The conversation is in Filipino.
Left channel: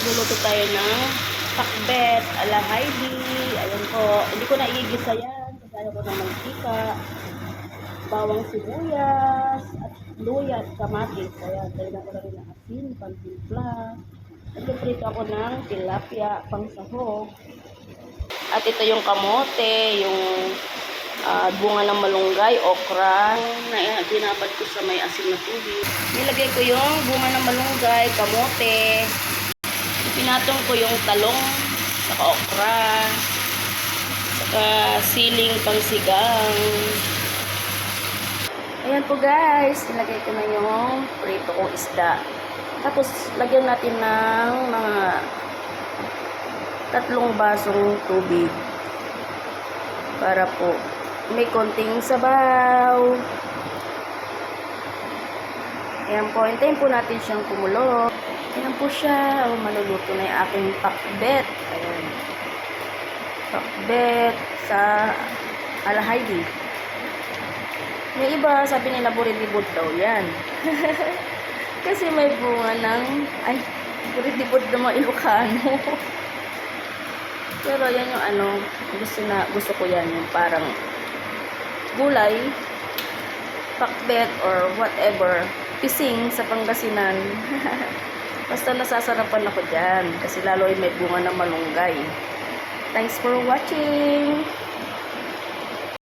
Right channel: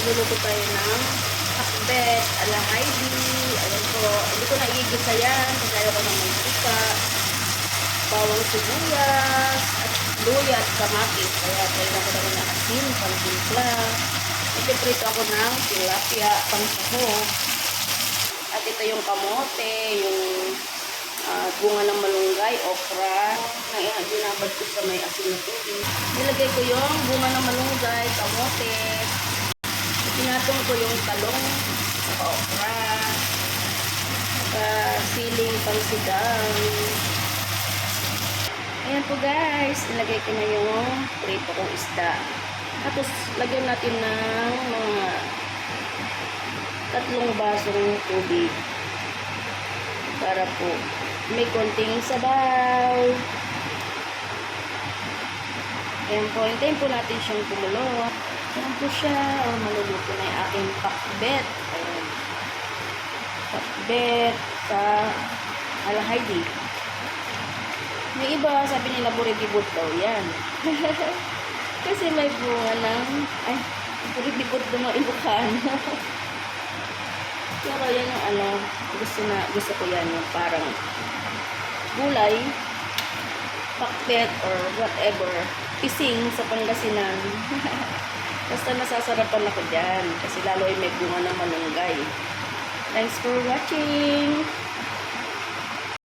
Magluluto tayo ng pakbet ala Heidi. Ayan po. Hindi ko na iigisa yan kasi ayaw ko ng mantika, bawang sibuyas, at luya at kamatis. Kaya kailangan ko na rin ng asin, pang-timpla. Nagpiprito ako ng tilapia, pang-sahog. At ito yung kamote, yung bunga ng malunggay, okra, na binabad ko sa may asin na tubig. Nilagay ko yung bunga ng malunggay, kamote, pinatong ko yung talong, okra, saka siling pangsigang. Ayan po guys, nilagay ko na yung prito kong isda. Tapos lagyan natin ng mga 3 basong tubig para po may konting sabaw. Ayan po, hintayin po natin siyang kumulo. Ayan po siya. Maluluto na yung aking pakbet. Ayan. Pakbet sa ala Heidi. May iba, sabi nila buridibot daw yan. Kasi may bunga ng, buridibot na mga Ilocano. Pero yan yung gusto ko yan, yung parang gulay, pakbet, or whatever, pising sa Pangasinan. Basta nasasarapan ako dyan, kasi lalo ay may bunga ng malunggay. Thanks for watching!